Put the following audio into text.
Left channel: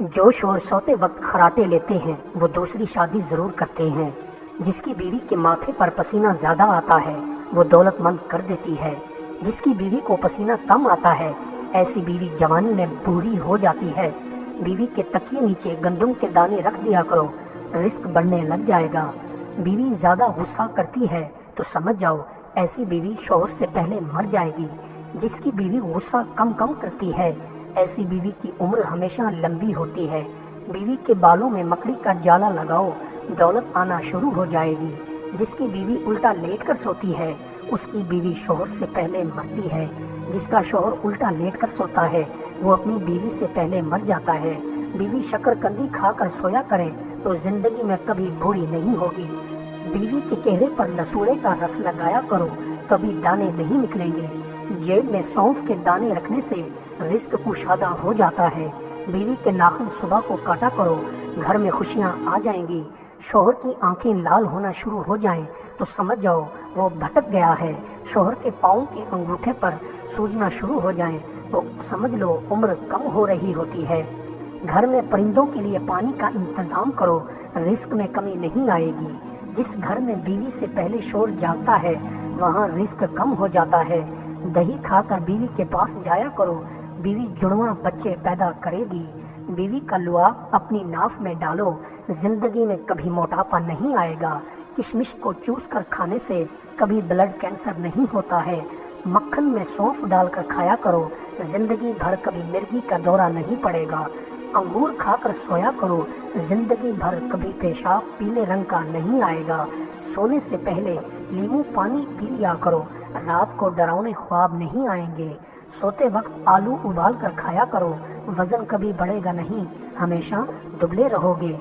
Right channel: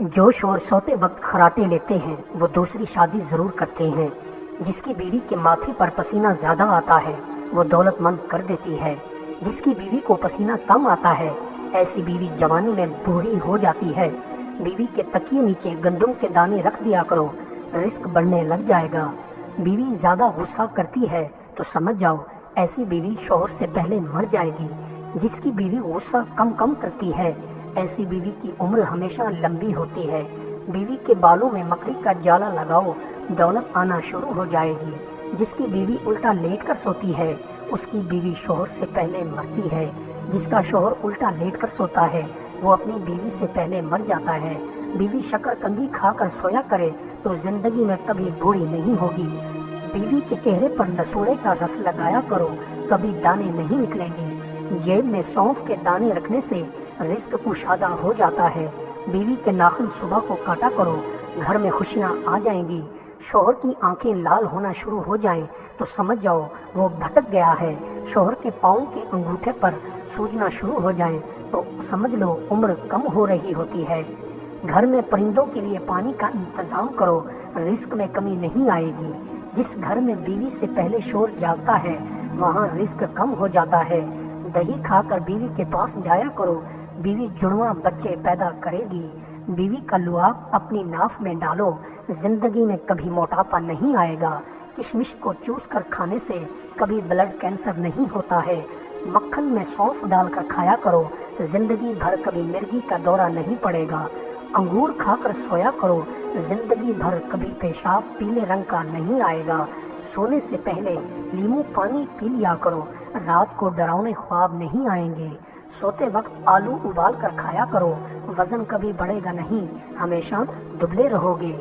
جو شوہر سوتے وقت خراٹے لیتے ہیں وہ دوسری شادی ضرور کرتے ہیں۔ جس کی بیوی کے ماتھے پر پسینہ زیادہ آتا ہے وہ دولت مند کر دیتی ہے۔ جس کی بیوی کو پسینہ کم آتا ہے ایسی بیوی جوانی میں بوڑھی ہو جاتی ہے۔ بیوی کے تکیے نیچے گندم کے دانے رکھ دیا کرو، رزق بڑھنے لگ جائے گا۔ بیوی زیادہ غصہ کرتی ہے تو سمجھ جاؤ ایسی بیوی شوہر سے پہلے مر جائے گی۔ جس کی بیوی غصہ کم کرتی ہے ایسی بیوی کی عمر ہمیشہ لمبی ہوتی ہے۔ بیوی کے بالوں میں مکڑی کا جالا لگاؤ، دولت آنا شروع ہو جائے گی۔ جس کی بیوی الٹا لیٹ کر سوتی ہے اس کی بیوی شوہر سے پہلے مرتی ہے۔ جس کا شوہر الٹا لیٹ کر سوتا ہے وہ اپنی بیوی سے پہلے مر جاتا ہے۔ بیوی شکر کندی کھا کر سویا کرے تو زندگی میں کبھی بوڑھی نہیں ہوگی۔ بیوی کے چہرے پر لسوڑے کا رس لگایا کرو، کبھی دانے نہیں نکلیں گے۔ جیب میں سونف کے دانے رکھنے سے رزق کشادہ ہو جاتا ہے۔ بیوی کے ناخن صبح کو کاٹا کرو، گھر میں خوشیاں آ جائیں گی۔ شوہر کی آنکھیں لال ہونا شروع ہو جائیں تو سمجھ جاؤ وہ بھٹک گیا ہے۔ شوہر کے پاؤں کے انگوٹھے پر سوجنا شروع ہو جائے تو سمجھ لو عمر کم ہو رہی ہوتی ہے۔ گھر میں پرندوں کے لیے پانی کا انتظام کرو، رزق میں کمی نہیں آئے گی۔ جس گھر میں بیوی سے پہلے شوہر جاگتا ہے وہاں رزق کم ہو جاتا ہے۔ دہی کھا کر بیوی کے پاس جایا کرو، بیوی جڑواں بچے پیدا کرے گی۔ بیوی کا لعاب اپنی ناف میں ڈالو، زندگی میں کبھی موٹاپا نہیں آئے گا۔ کشمش کو چوس کر کھانے سے کبھی بلڈ کینسر نہیں ہوتا ہے۔ مکھن میں سونف ڈال کر کھایا کرو، زندگی بھر کبھی مرگی کا دورہ نہیں پڑے گا۔ انگور کھا کر سویا کرو، زندگی بھر کبھی پیشاب پیلے رنگ کا نہیں آئے گا۔ سونے سے پہلے لیمو پانی پی لیا کرو، رات کو ڈراؤنے خواب نہیں آئیں گے۔ سوتے وقت آلو ابال کر کھایا کرو، وزن کبھی بڑھے گا نہیں، ہمیشہ دبلے رہو گے۔